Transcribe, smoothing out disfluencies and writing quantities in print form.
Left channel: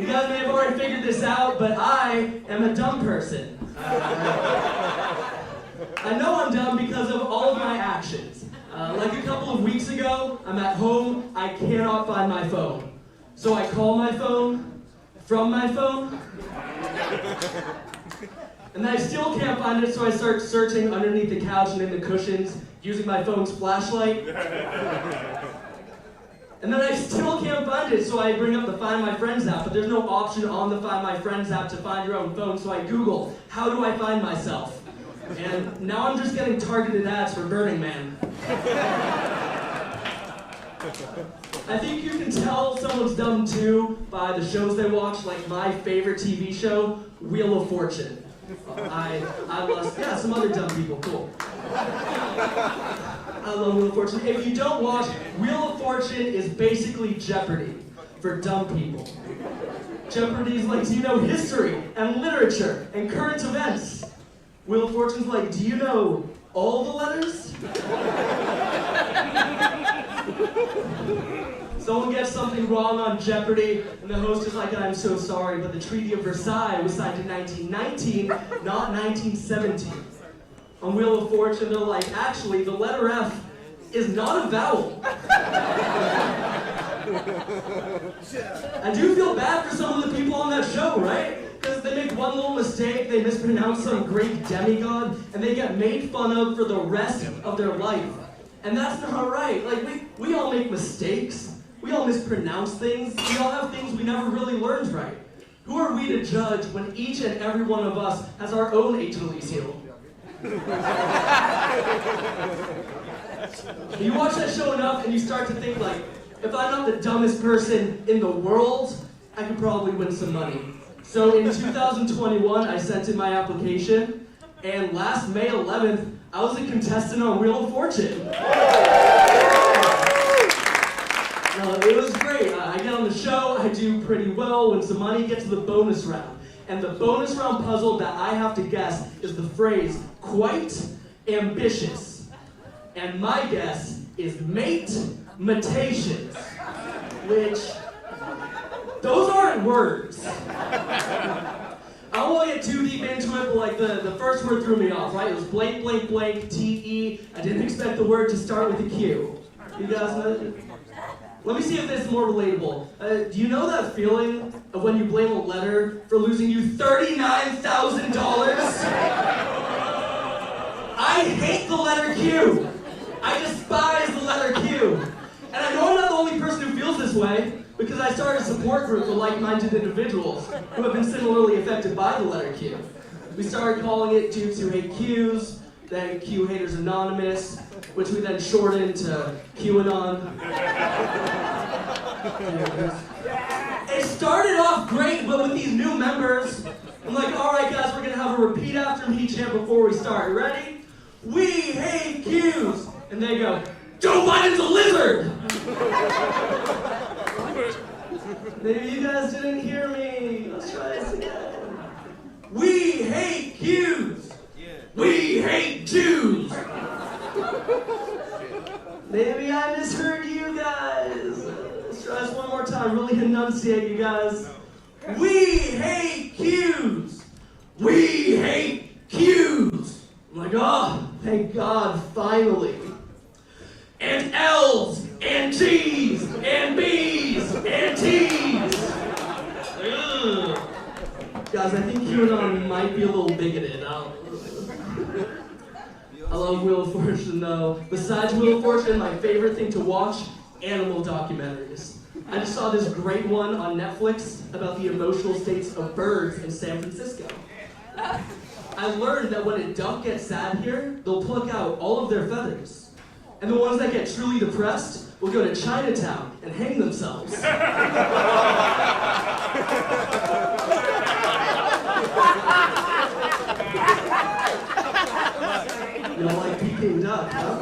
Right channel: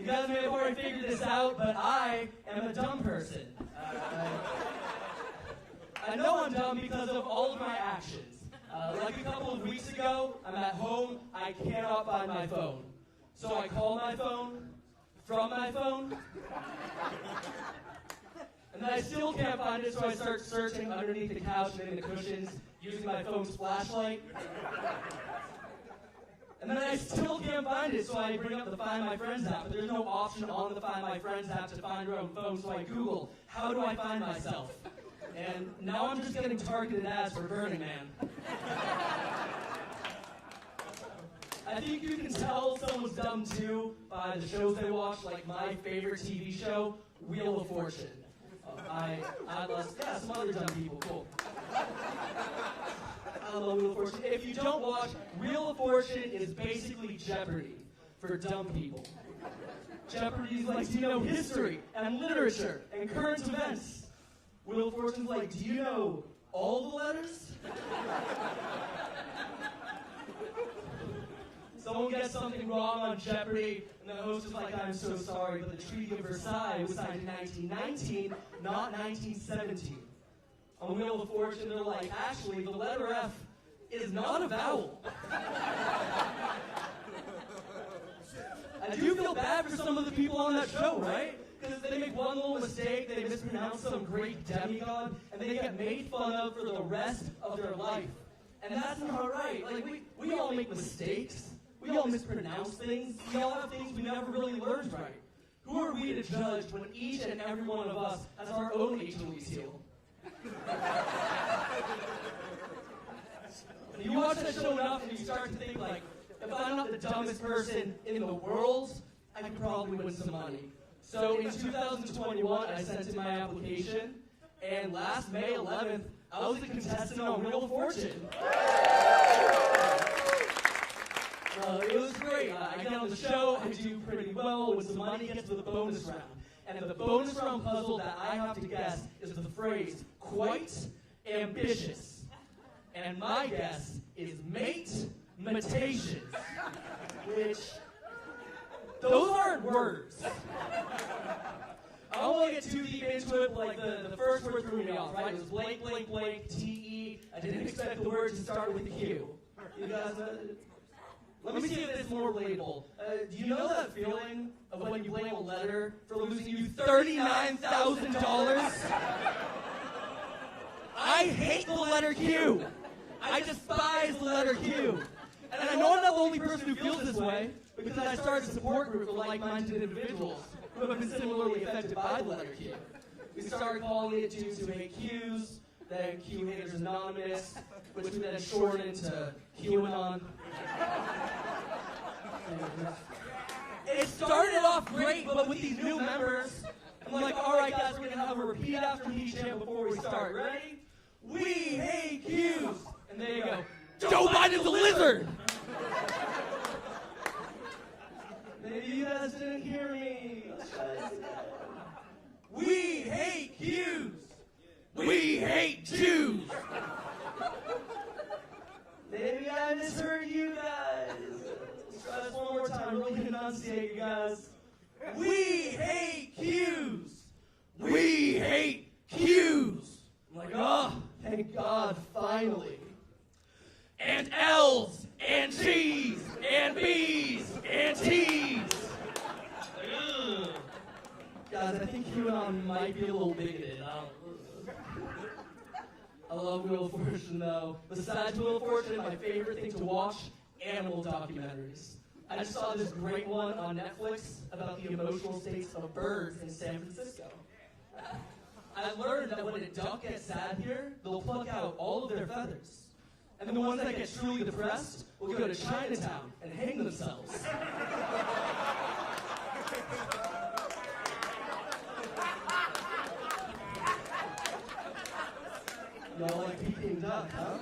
You guys may have already figured this out, but I am a dumb person. I know I'm dumb because of all of my actions. Like a couple of weeks ago, I'm at home, I cannot find my phone. So I call my phone from my phone, and then I still can't find it, so I start searching underneath the couch and in the cushions, using my phone's flashlight. And then I still can't find it, so I bring up the Find My Friends app, but there's no option on the Find My Friends app to find your own phone, so I Google, how do I find myself? And now I'm just getting targeted ads for Burning Man. I think you can tell someone's dumb too by the shows they watch, like my favorite TV show, Wheel of Fortune. I love, yeah, some other dumb people, cool. I love Wheel of Fortune. If you don't watch, Wheel of Fortune is basically Jeopardy for dumb people. Jeopardy's like, do you know history and literature and current events? Wheel of Fortune's like, do you know all the letters? Someone gets something wrong on Jeopardy, and the host is like, I'm so sorry, but the Treaty of Versailles was signed in 1919, not 1917. On Wheel of Fortune, they're like, actually, the letter F is not a vowel. I do feel bad for some of the people on that show, right? Because they make one little mistake, they mispronounce some Greek demigod, and they get made fun of for the rest of their life. And that's not right. Like, we all make mistakes. We all mispronounce things. We all have things we never really learned right. Who are we to judge when each and every one of us has our own Achilles heel? You watch that show enough and you start to think like, if I'm not the dumbest person in the world, I could probably win some money. So in 2021, I sent in my application, and last May 11th, I was a contestant on Wheel of Fortune. It was great. I get on the show, I do pretty well, win some money, get to the bonus round. And the bonus round puzzle that I have to guess is the phrase, quite ambitious. And my guess is mate-matations, which, those aren't words. I don't want to get too deep into it, but like the first word threw me off, right? It was blank, blank, blank, T-E. I didn't expect the word to start with a Q. You guys know that? Let me see if this is more relatable. Do you know that feeling of when you blame a letter for losing you $39,000? I hate the letter Q. I despise the letter Q. And I know I'm not the only person who feels this way, because I started a support group of like-minded individuals who have been similarly affected by the letter Q. We started calling it Dudes Who Hate Qs, then Q Haters Anonymous, which we then shortened to QAnon. It started off great, but with these new members, I'm like, all right, guys, we're going to have a repeat after me chant before we start. Ready? We hate Qs. And they go, Joe Biden's a lizard! Maybe you guys didn't hear me. Let's try this again. We hate Qs. We hate Jews. Maybe I misheard you guys. Let's try this one more time. Really enunciate, you guys. We hate Qs. We hate Qs. I'm like, oh, thank God, finally. And L's, and G's, and B's, and T's. Ugh. Guys, I think QAnon might be a little bigoted. I love Wheel of Fortune though. Besides Wheel of Fortune, my favorite thing to watch, animal documentaries. I just saw this great one on Netflix about the emotional states of birds in San Francisco. I learned that when a duck gets sad here, they'll pluck out all of their feathers. And the ones that get truly depressed will go to Chinatown and hang themselves. Y'all like Peking duck, huh?